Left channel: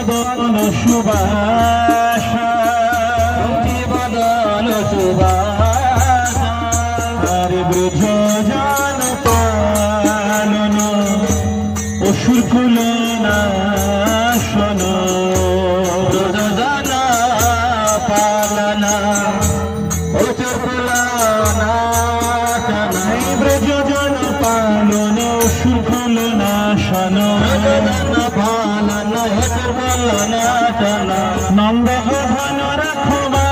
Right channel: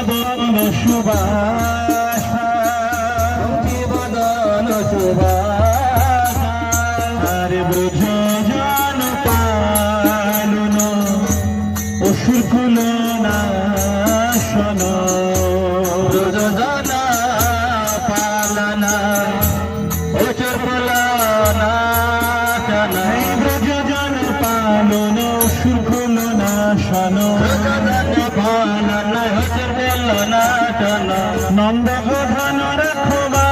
বদন সুবাসা বদন সুবাসা আরে ব্রজ জন পালন অসুর কুল নাশন ব্রজ জন পালন অসুর কুল নাশন ব্রজ জন পালন অসুর কুল নাশন নন্দ প্রধান রাখবা